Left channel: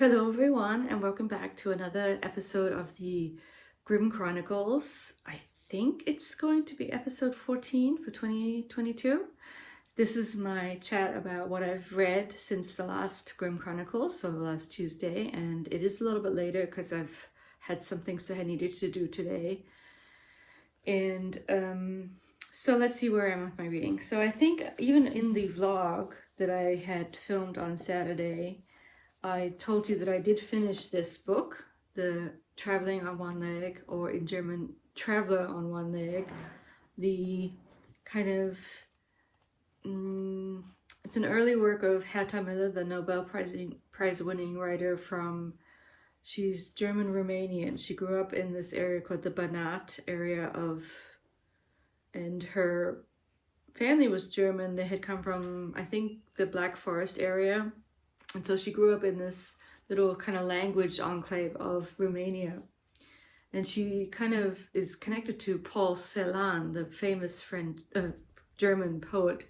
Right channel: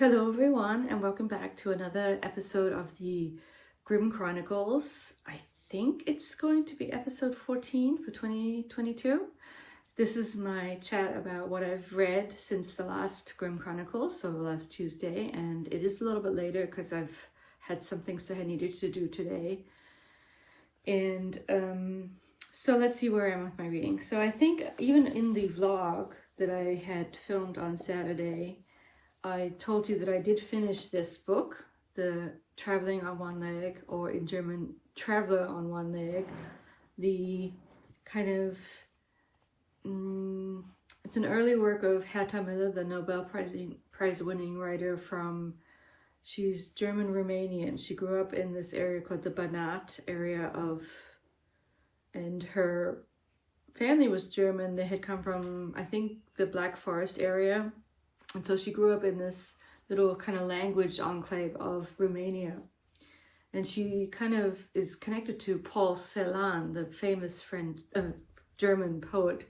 Hello everyone and welcome back to another episode of the Grimm Chronicles. I think it's going to be episode 14 for 2022. This is my chat about what I've read since the last Grimm Chronicles, so the last Tuesday, and it is a little bit later because I've had some things that I needed to do today. And so let's see where I am with my reading. So I think even in the vlog that I had filmed on Saturday, I told you that I did finish this book, The Traveling on One Leg, or in German, Traveler on One Leg. The kind of, it's an early work of Herta Müller, the Nobel Prize-winning writer she's German-Romanian. She grew up in this area called the Banat area and her family was German. They had come from, I think, the Black Forest area. And so she grew up in this little kind of language enclave of Romania. And she kind of is connected to Paul Celan, the famous German poet,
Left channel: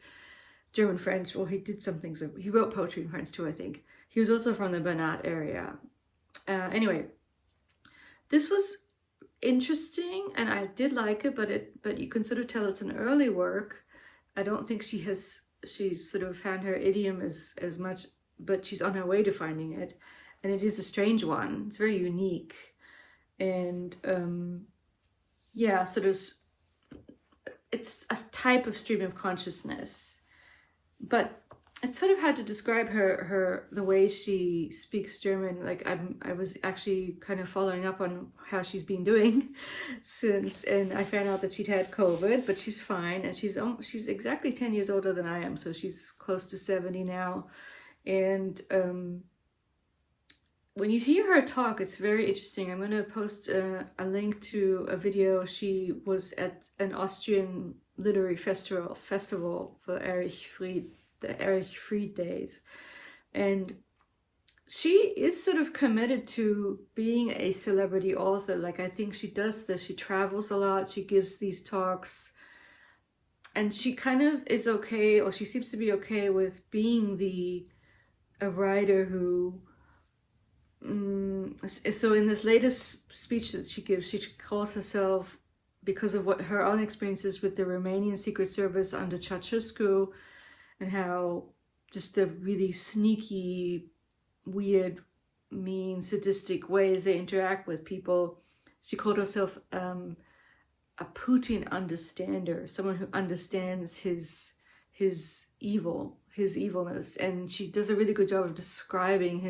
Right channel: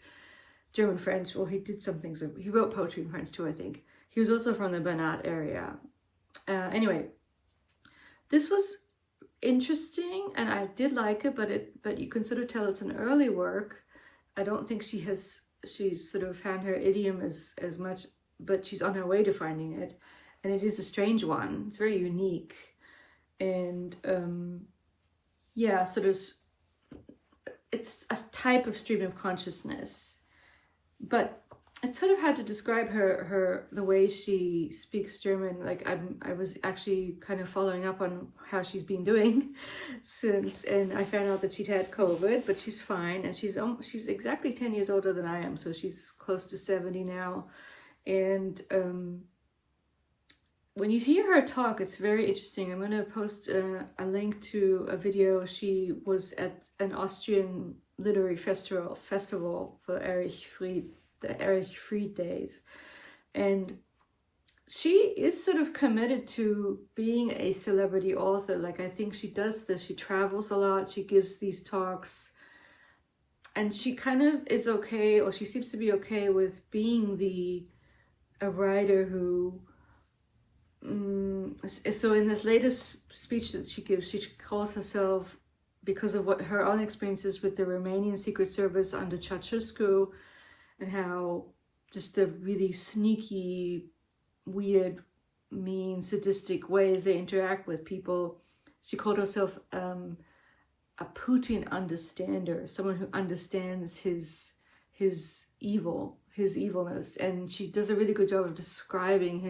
German-French. Well, he did some things. He wrote poetry in French too, I think. He was also from the Banat area. Anyway, this was interesting and I did like it, but you can sort of tell it's an early work. I don't think she's sort of found her idiom as much, but she's on her way to finding it, and it is a strange one. It's very unique, and yeah, so it's a type of stream of consciousness, but it's sort of hard to describe the way she speaks German. Like I was actually kind of following up on how she's been doing since, and I found out that she'd had COVID, but she's fine, and she's exactly 10 years older than I am, so she's close to 70 now. And when you hear her talk, it's very interesting. I'm going to post a link to a video. She was at an Austrian literary festival for the Erich Fried Days. And she is sort of committed to being a celebrity author. Like, I think she does this. She travels a lot. She gives these talks. And she kind of is okay, or she seems to be okay with being a writer who, so in this latest speech that she gives, she calls herself, because of what her own experiences with the Romanian Secret Service under Ceausescu, and how just the really sneaky, weird, mean, sadistic ways they interact with people. She called herself a Putin understander, someone who understands his evilness, and she does a really good job of describing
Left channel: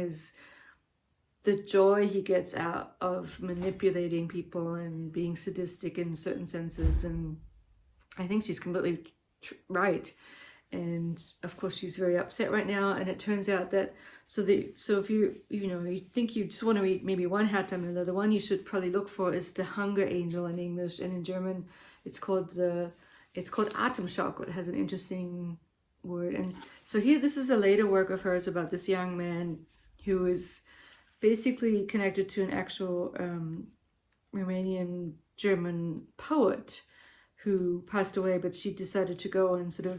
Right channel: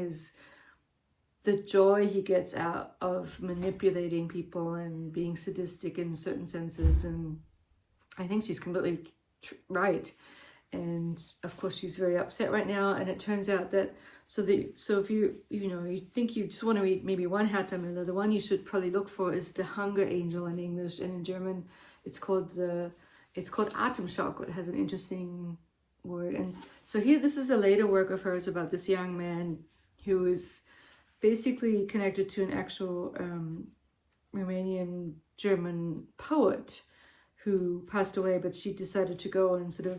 the joy he gets out of manipulating people and being sadistic in certain senses. And I think she's completely right. And of course she's very upset right now, and it turns out that so if you think you just want to read maybe one Herta Müller, the one you should probably look for is The Hunger Angel in English, and in German it's called Atem Chalco. It has an interesting word. And so this is a later work of hers about this young man who is basically connected to an actual Romanian German poet who passed away, but she decided to go and sort of,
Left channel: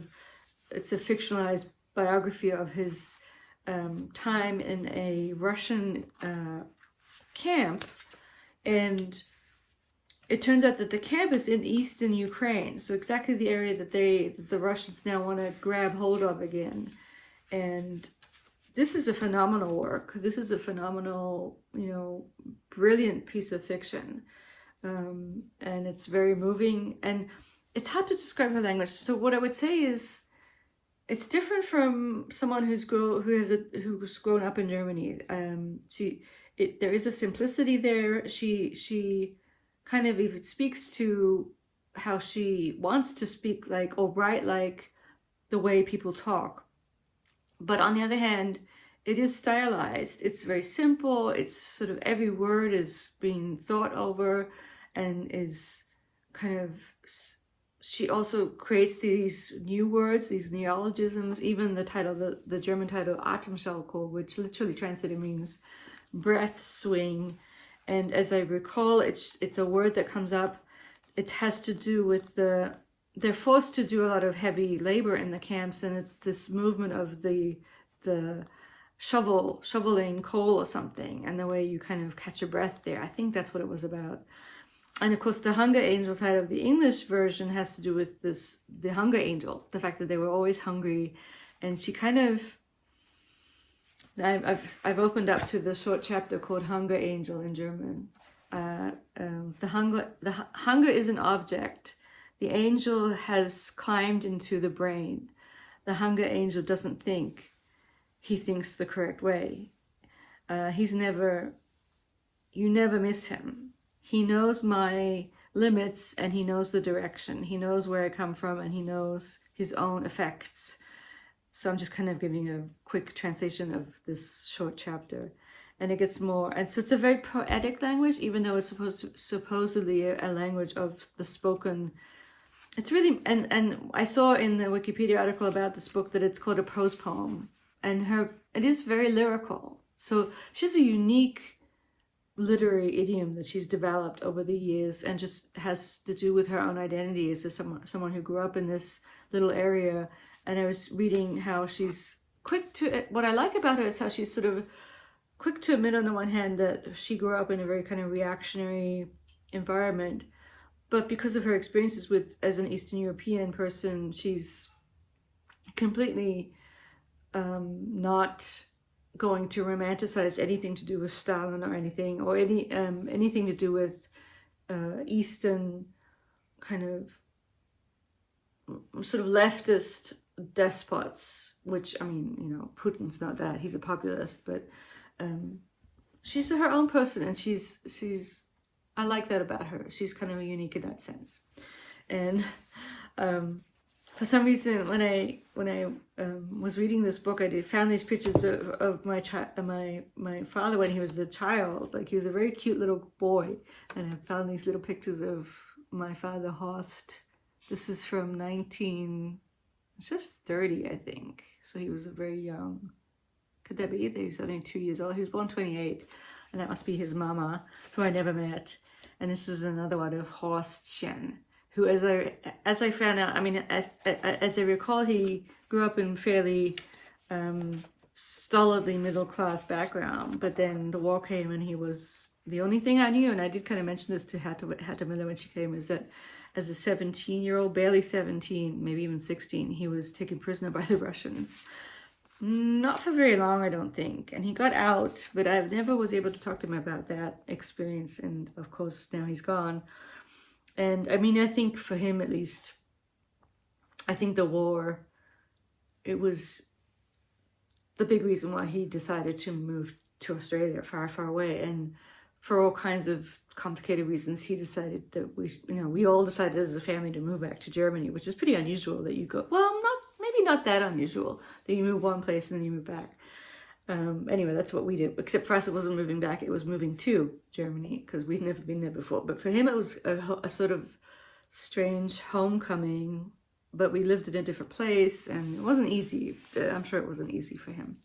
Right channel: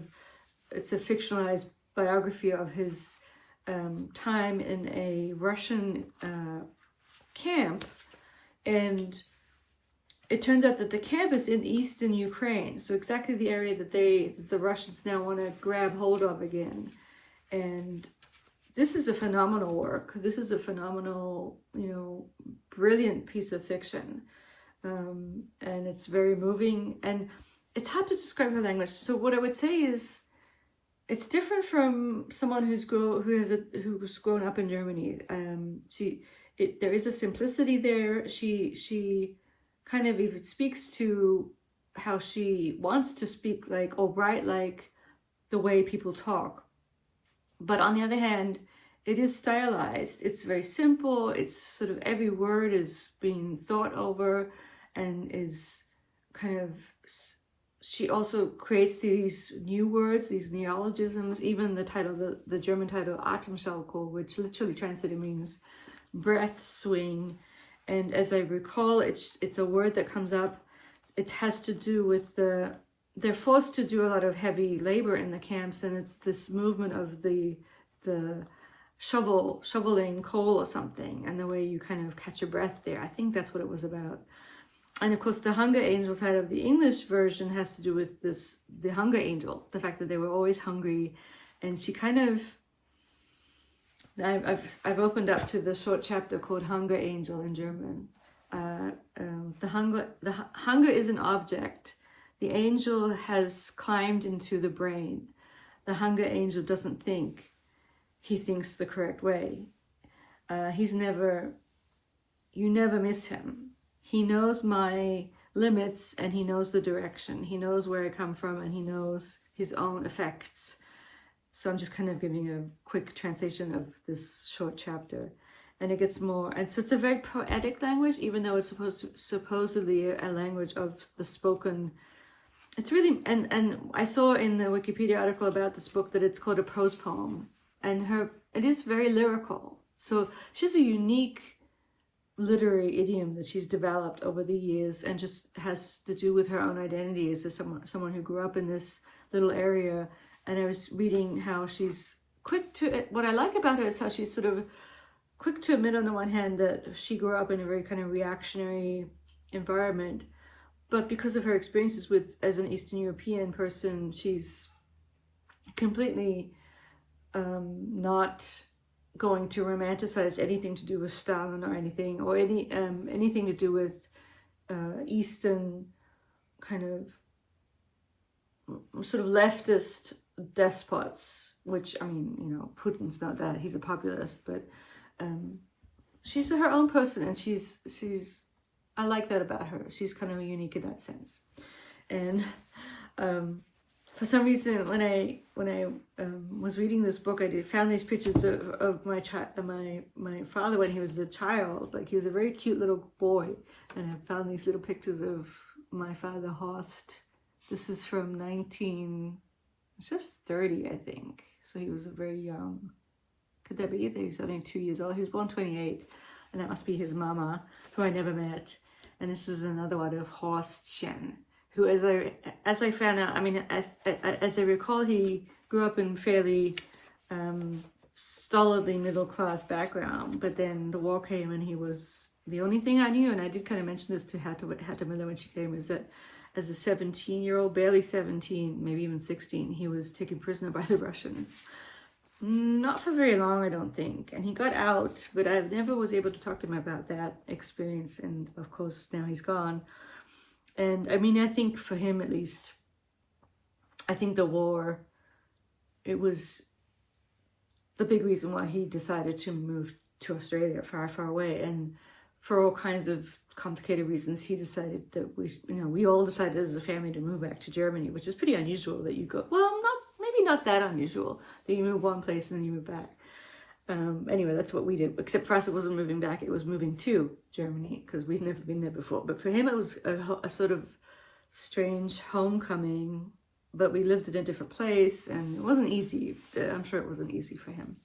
it's a fictionalized biography of his time in a Russian camp. And it turns out that the camp is in eastern Ukraine, so exactly the area that the Russians now want to grab hold of again. And this is a phenomenal work. This is a phenomenal, brilliant piece of fiction, and it's very moving. And it's hard to describe her language. So what I would say is, it's different from someone who's grown up in Germany. There is a simplicity there. She kind of even speaks to how she wants to speak like, or write like, the way people talk. But on the other hand, it is stylized. It's very simple. It's sort of every word is being thought over, and is kind of, she also creates these new words, these neologisms. Even the title, the German title, Atem Chalco, which literally translated means breath swing. And as I recall, it's a word that comes up. It has to do with they're forced to do a lot of heavy labor in the camps, and it's this movement of the shoveling coal or something, and the way you kind of catch your breath there. I think that's what it was about. And of course, the hunger angel title of the English version has to do with the hunger angel, the fact that they were always hungry. And she kind of, I've opened up to the short chapter called Hunger Angel in German. The hunger is an object. The angel has climbed into the brain. The hunger angel doesn't think. He thinks the correct way. You never miss him. He knows my limits and he knows the direction. He knows where I come from and he knows his own effects. So I'm just kind of giving a quick translation of this short chapter. And it gets more, and so it's a very poetic language, even though it's supposedly a language of the spoken. It's really, and I saw in the Wikipedia article about this book that it's called a prose poem. And it is very lyrical. So she's a unique literary idiom that she's developed over the years, and just has to do with her own identity as someone who grew up in this little area. And I was reading how she's quick to, what I like about her is how she's sort of quick to admit on the one hand that she grew up in a very kind of reactionary environment, but because of her experiences as an Eastern European person, she's completely not going to romanticize anything to do with Stalin or anything, or anything to do with Eastern kind of sort of leftist despots, which, I mean, you know, Putin's not that, he's a populist, but she's her own person, and she's I like that about her. She's kind of unique in that sense. And for some reason, when I was reading this book, I found these pictures of my father when he was a child. Like, he was a very cute little boy, and I found these little pictures of my father, Horst. This is from 1930, I think. So he was very young. Could that be? He was only 2 years old. He was born 28, and that must be his mama, who I never met. And this is another one of Horstchen, who, as I found out, I mean, as I recall, he grew up in fairly stolidly middle-class background, but then the war came, and he was the only thing I knew, and I did kind of mention this to Herta Müller when she came, is that as a 17-year-old, barely 17, maybe even 16, he was taken prisoner by the Russians. Not for very long, I don't think. And he got out, but I never was able to talk to him about that experience. And of course, now he's gone. And I mean, I think for him at least, I think the war, it was the big reason why he decided to move to Australia, far, far away. And for all kinds of complicated reasons, he decided that we all decided as a family to move back to Germany, which is pretty unusual that you go, well, maybe not that unusual that you move one place and then you move back. Anyway, that's what we did. Except for us, it wasn't moving back, it was moving to Germany, because we'd never been there before. But for him, it was a sort of strange homecoming, but we lived in a different place, and it wasn't easy. I'm sure it wasn't easy for him.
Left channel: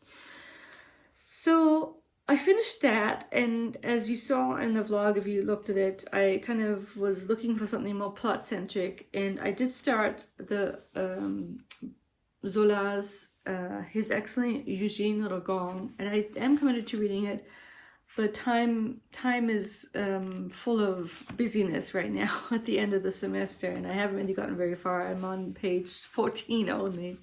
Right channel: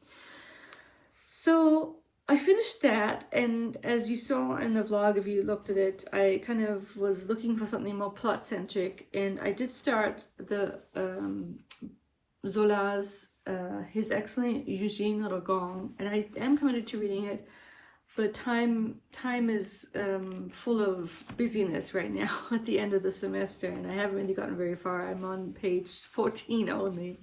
So I finished that, and as you saw in the vlog, if you looked at it, I kind of was looking for something more plot-centric, and I did start the Zola's His Excellency Eugène Rougon, and I am committed to reading it, but time is full of busyness right now at the end of the semester, and I haven't really gotten very far. I'm on page 14 only.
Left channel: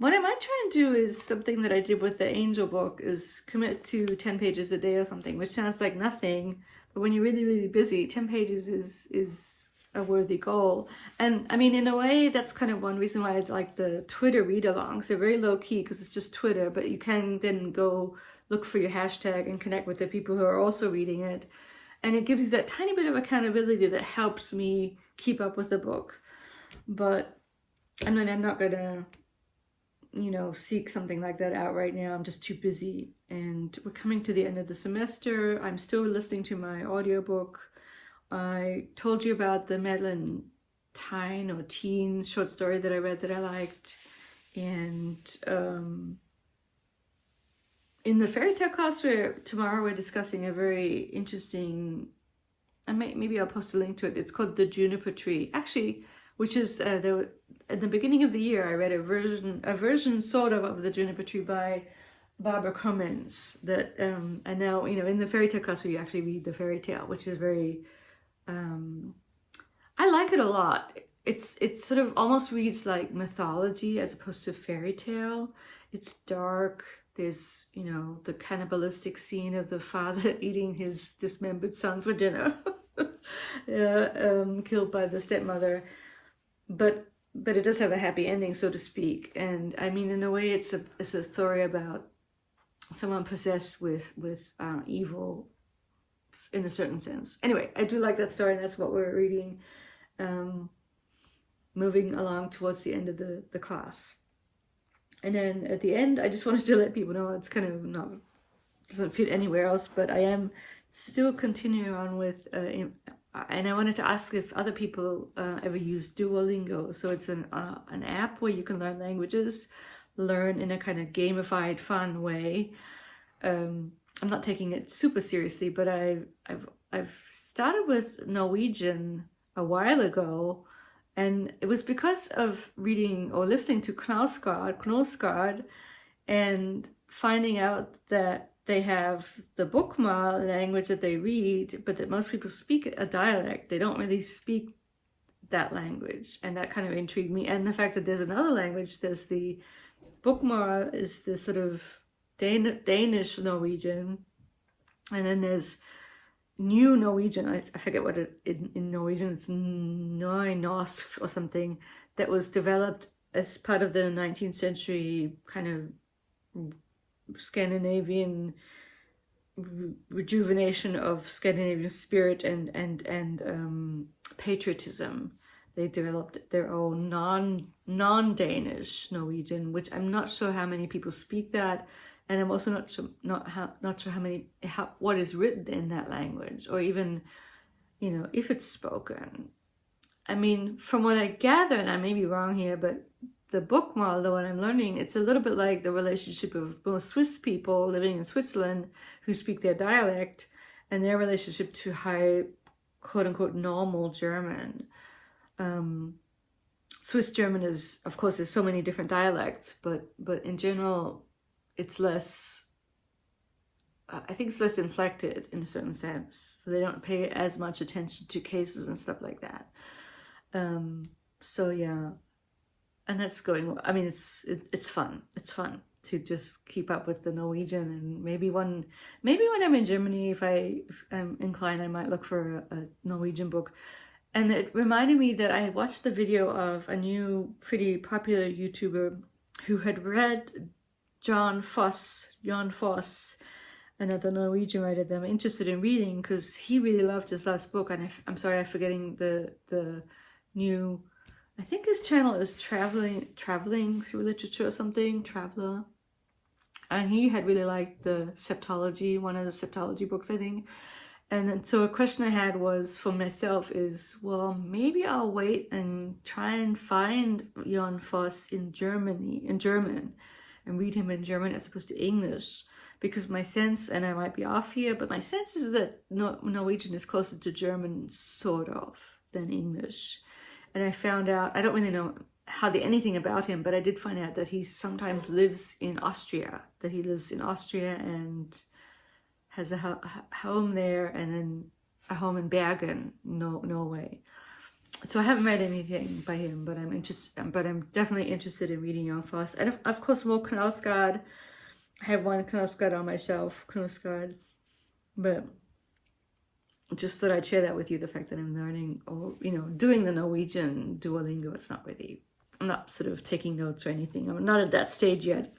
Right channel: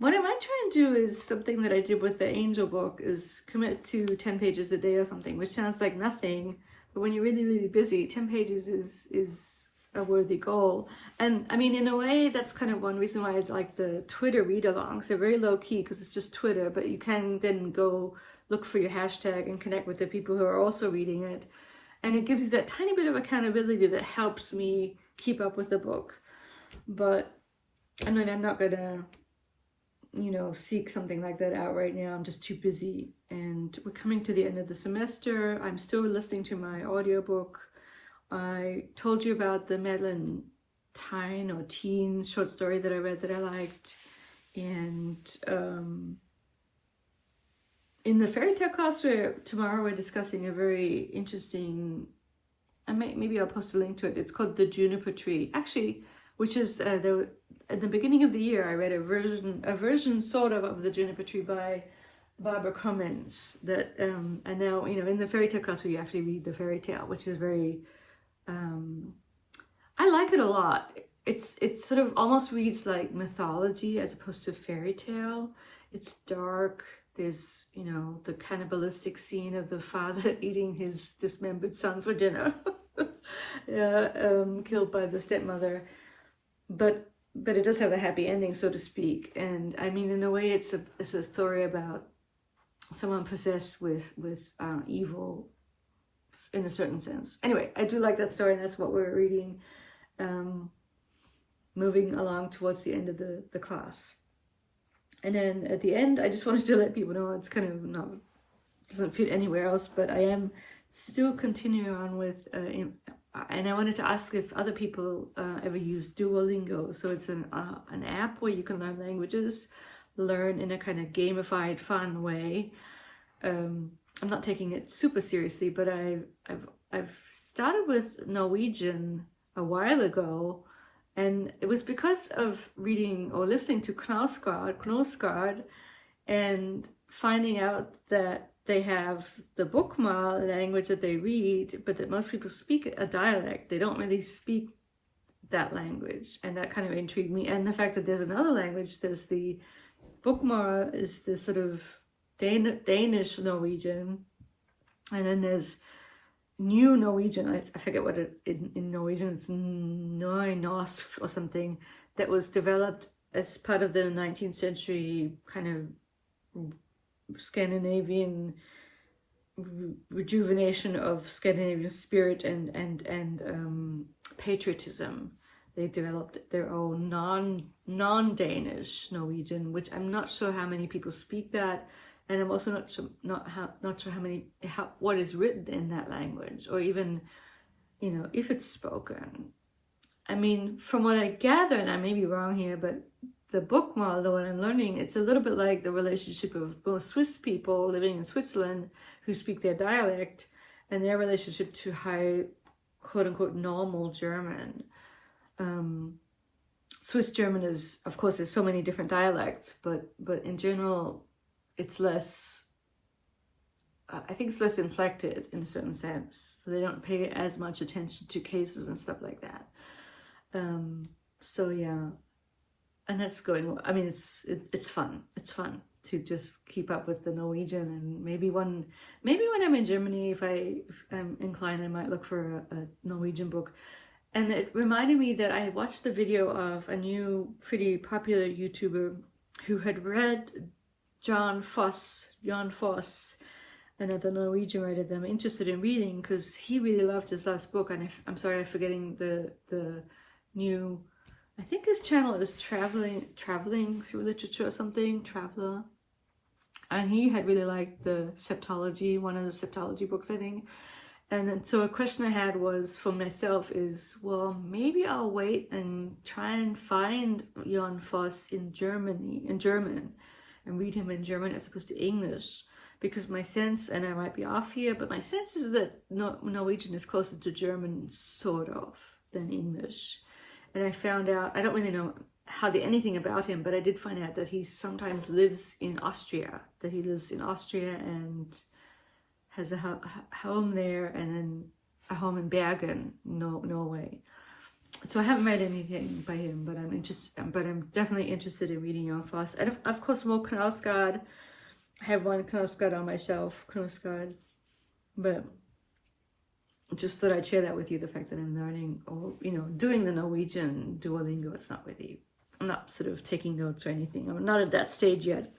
What I might try and do is something that I did with the Angel book, is commit to 10 pages a day or something, which sounds like nothing, but when you're really, really busy, 10 pages is a worthy goal. And I mean, in a way, that's kind of one reason why I like the Twitter read-alongs. They're very low-key because it's just Twitter, but you can then go look for your hashtag and connect with the people who are also reading it. And it gives you that tiny bit of accountability that helps me keep up with the book. But I mean, I'm not going to, seek something like that out right now. I'm just too busy. And we're coming to the end of the semester. I'm still listening to my audiobook. I told you about the Madeleine Thien short story that I read that I liked. And in the fairy tale class tomorrow we're discussing a very interesting, maybe I'll post a link to it. It's called The Juniper Tree. Actually, which is at the beginning of the year, I read a version sort of the Juniper Tree by Barbara Cummins. That and now, you know, in the fairy tale class, we actually read the fairy tale, which is very. I like it a lot. It sort of almost reads like mythology as opposed to fairy tale. It's dark. There's, you know, the cannibalistic scene of the father eating his dismembered son for dinner, killed by the stepmother. But it does have a happy ending, so to speak. And I mean, in a way, it's a story about someone possessed with evil, in a certain sense. Anyway, I do like that story, and that's what we're reading. Moving along towards the end of the class. And then at the end, I just wanted to let people know it's kind of not, doesn't fit anywhere else, but I am still continuing on with, and I wanted to ask if other people ever use Duolingo. So it's an app where you can learn languages, learn in a kind of gamified, fun way. I'm not taking it super seriously, but I've started with Norwegian a while ago. And it was because of reading or listening to Knausgård and finding out that they have the Bokmål language that they read, but that most people speak a dialect. They don't really speak that language. And that kind of intrigued me. And the fact that there's another language, there's the Bokmål is the sort of Danish Norwegian. And then there's New Norwegian, I forget what it in Norwegian, it's Nynorsk or something, that was developed as part of the 19th century kind of Scandinavian rejuvenation of Scandinavian spirit and patriotism. They developed their own non-Danish Norwegian, which I'm not sure how many people speak that. And I'm also not sure what is written in that language, or even, you know, if it's spoken. I mean, from what I gather, and I may be wrong here, but the Bokmål, the one I'm learning, it's a little bit like the relationship of both Swiss people living in Switzerland who speak their dialect, and their relationship to high, quote unquote, normal German. Swiss German is, of course, there's so many different dialects, but in general, it's less, I think it's less inflected in a certain sense. So they don't pay as much attention to cases and stuff like that. So yeah, and that's going, I mean, it's fun. It's fun to just keep up with the Norwegian, and maybe when I'm in Germany, if I'm inclined, I might look for a Norwegian book. And it reminded me that I had watched the video of a new pretty popular YouTuber who had read Jan Foss, another Norwegian writer that I'm interested in reading, because he really loved his last book. And I'm sorry, I'm forgetting the new, I think his channel is traveling through literature or something, Traveler. And he had really liked the Septology, one of the Septology books, I think. And then, so a question I had was for myself is, well, maybe I'll wait and try and find Jan Foss in German, and read him in German as opposed to English, because my sense, and I might be off here, but my sense is that Norwegian is closer to German, sort of, than English. And I found out, I don't really know hardly anything about him, but I did find out that he sometimes lives in Austria, and has a home there, and then a home in Bergen, Norway. So I haven't read anything by him, but I'm definitely interested in reading Jan Foss. And of course more Knausgård. I have one Knausgård on my shelf, but just thought I'd share that with you, the fact that I'm learning, or, you know, doing the Norwegian Duolingo. It's not really, I'm not sort of taking notes or anything. I'm not at that stage yet.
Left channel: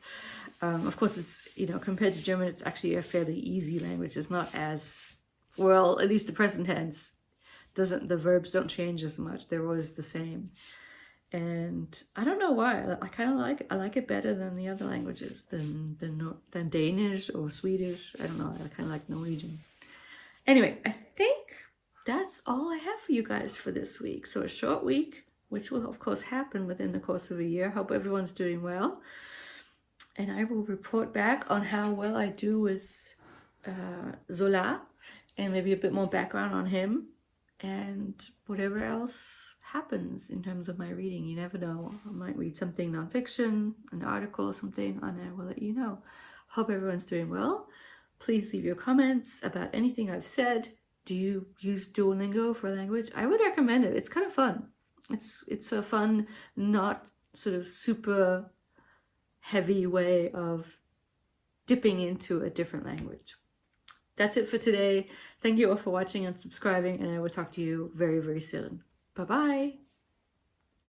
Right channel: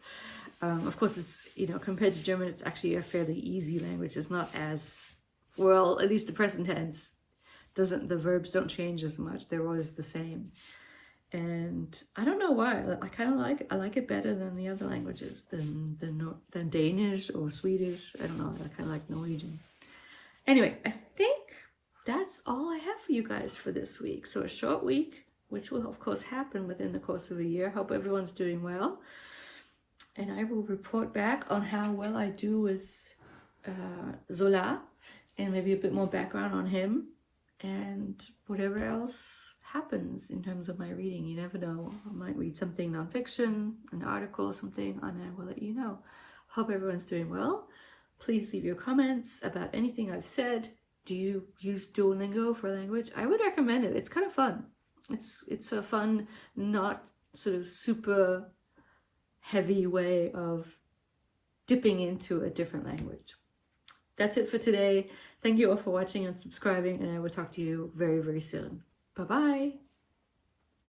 Of course, it's, you know, compared to German, it's actually a fairly easy language. It's not as, well, at least the present tense, the verbs don't change as much. They're always the same. And I don't know why. I like it better than the other languages, than Danish or Swedish. I don't know. I kind of like Norwegian. Anyway, I think that's all I have for you guys for this week. So a short week, which will of course happen within the course of a year. Hope everyone's doing well. And I will report back on how well I do with Zola, and maybe a bit more background on him, and whatever else happens in terms of my reading. You never know. I might read something nonfiction, an article or something, and I will let you know. Hope everyone's doing well. Please leave your comments about anything I've said. Do you use Duolingo for language? I would recommend it. It's kind of fun. It's a fun, not sort of super heavy way of dipping into a different language. That's it for today. Thank you all for watching and subscribing, and I will talk to you very, very soon. Bye-bye.